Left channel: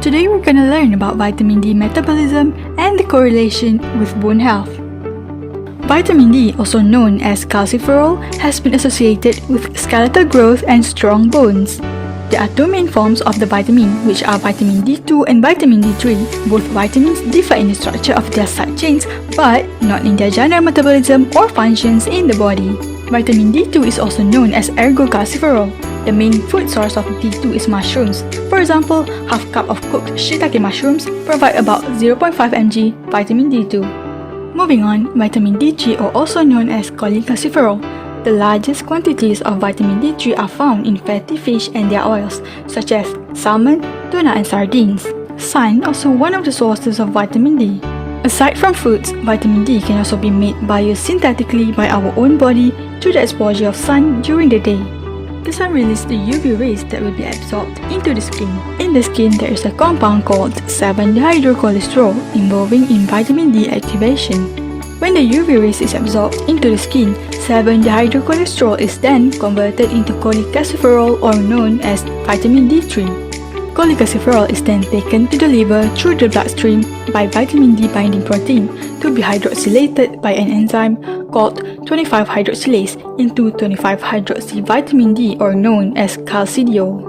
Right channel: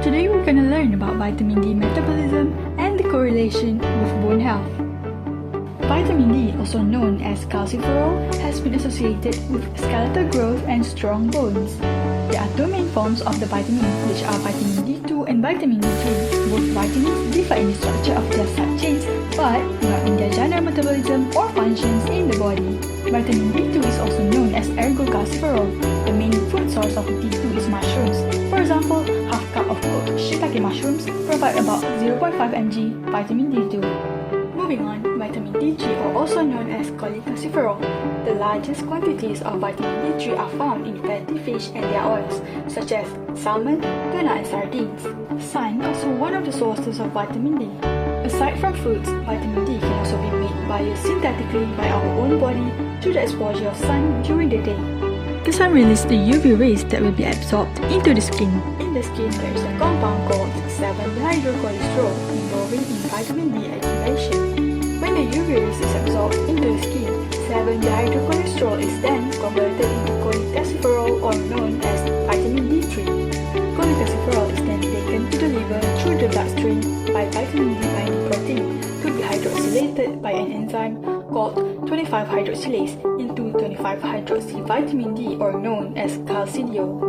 Today we're gonna learn about vitamin D metabolism and the correlation with bone health. Vitamin D, also known as calciferol, has been associated with skeletal growth and strong bones. There are two main forms of the vitamin, which are vitamin D2 and vitamin D3. Both vitamins differ in the structure of their side chains, but not in their general metabolism or functions in the body. Vitamin D2 is also known as ergocalciferol. The main food source of D2 is mushrooms. For example, half cup of cooked shiitake mushrooms provide about 0.5 mg vitamin D2. Moving on, vitamin D3, or also known as cholecalciferol. The largest quantities of vitamin D3 are found in fatty fish and their oils, such as salmon, tuna, and sardines. Sun also one of the sources of vitamin D. Aside from foods, vitamin D can also be made biosynthetically by our own body through the exposure of sun during the day. The sun releases the UV rays that will be absorbed into the skin. In the skin, there is a compound called 7-dehydrocholesterol involving in vitamin D activation. When the UV rays is absorbed into the skin, 7-dehydrocholesterol is then converted into cholecalciferol, or known as vitamin D3. Cholecalciferol is then taken to the liver through the bloodstream by vitamin D binding protein to be hydroxylated by an enzyme called 25-hydroxylase into 25-hydroxy vitamin D, or known as calcidiol.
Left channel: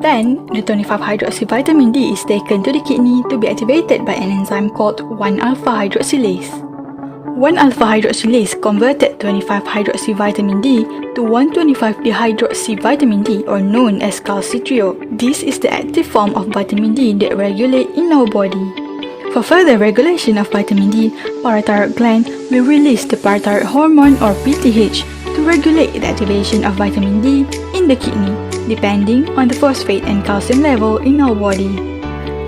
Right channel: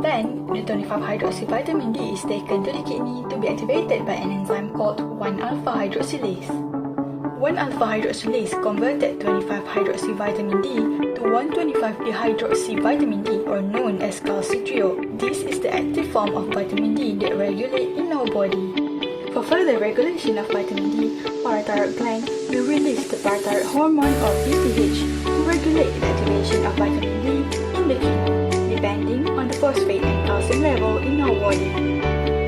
Then, the 25-hydroxy vitamin D is taken to the kidney to be activated by an enzyme called 1-alpha-hydroxylase. 1-alpha-hydroxylase converted 25-hydroxy vitamin D to 1,25-dehydroxy vitamin D, or known as calcitriol. This is the active form of vitamin D that regulates in our body. For further regulation of vitamin D, parathyroid gland will release the parathyroid hormone, or PTH, to regulate the activation of vitamin D in the kidney, depending on the phosphate and calcium level in our body.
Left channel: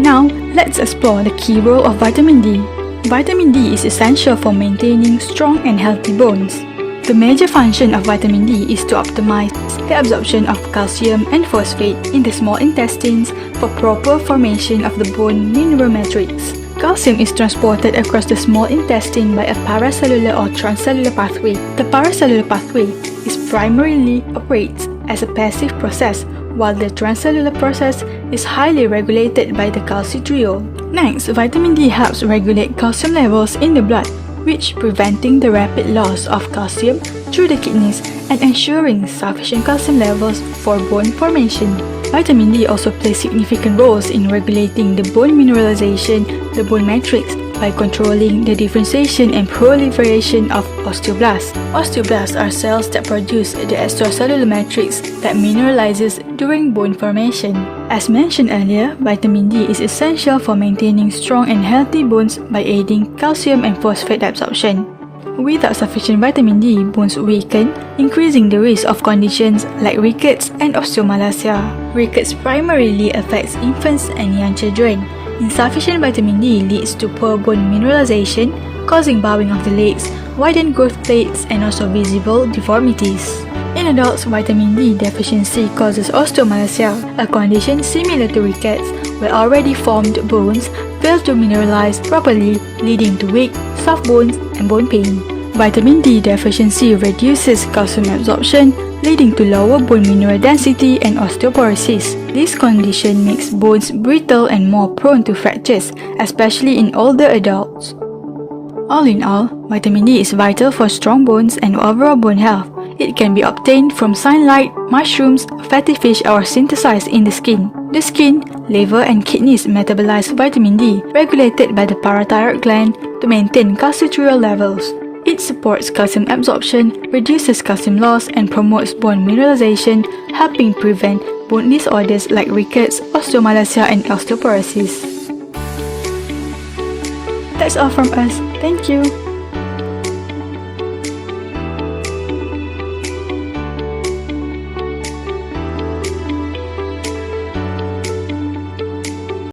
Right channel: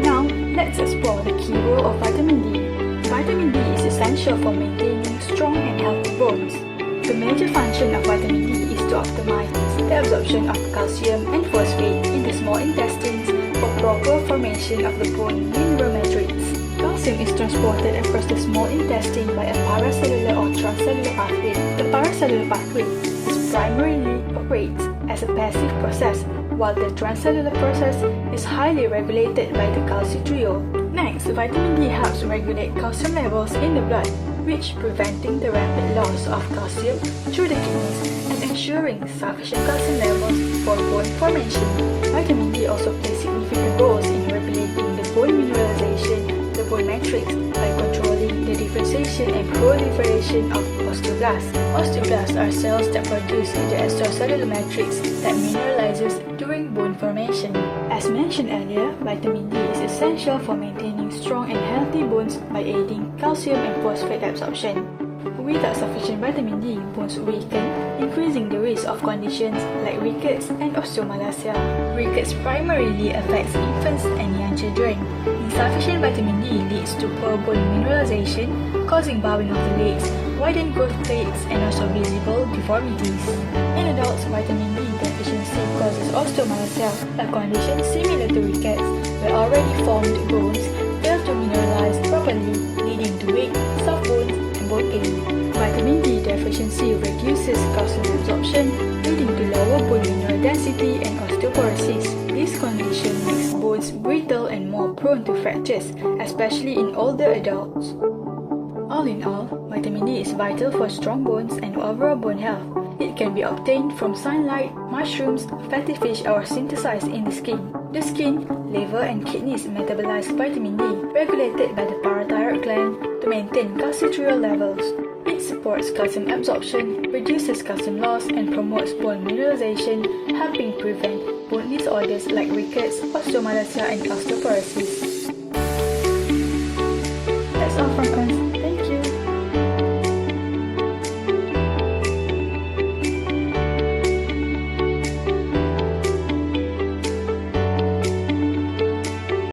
Now, let's explore the key role of vitamin D. Vitamin D is essential for maintaining strong and healthy bones. The major function of vitamin D is to optimize the absorption of calcium and phosphate in the small intestines for proper formation of the bone mineral matrix. Calcium is transported across the small intestine by a paracellular or transcellular pathway. The paracellular pathway primarily operates as a passive process, while the transcellular process is highly regulated by the calcitriol. Next, vitamin D helps regulate calcium levels in the blood, which preventing the rapid loss of calcium through the kidneys and ensuring sufficient calcium levels for bone formation. Vitamin D also plays significant roles in regulating the bone mineralization, the bone matrix, by controlling the differentiation and proliferation of osteoblasts. Osteoblasts are cells that produce the extracellular matrix that mineralizes during bone formation. As mentioned earlier, vitamin D is essential for maintaining strong and healthy bones by aiding calcium and phosphate absorption. Without sufficient vitamin D, bones weaken, increasing the risk of conditions like rickets and osteomalacia. Rickets primarily affects infants and young children. Insufficient vitamin D leads to poor bone mineralization, causing bowing of the legs, widened growth plates, and also visible deformities. In adults, vitamin D deficiency causes osteomalacia, a condition similar to rickets, where already formed bones fail to mineralize properly, leading to weak, soft bones and bone pain. Vitamin D deficiency reduces calcium absorption, leading to lower bone mineral density and osteoporosis. This condition makes bones brittle and more prone to fractures, especially in older adults. All in all, vitamin D is vital for strong bones and overall bone health. It can be obtained from sunlight, mushrooms, fatty fish, or synthesized in the skin. The skin, liver, and kidneys metabolize vitamin D, regulated by the parathyroid gland to maintain calcitriol levels. It supports calcium absorption, reduces calcium loss, and promotes bone mineralization, helping prevent bone disorders like rickets, osteomalacia, and osteoporosis. That's all from us. Thank you.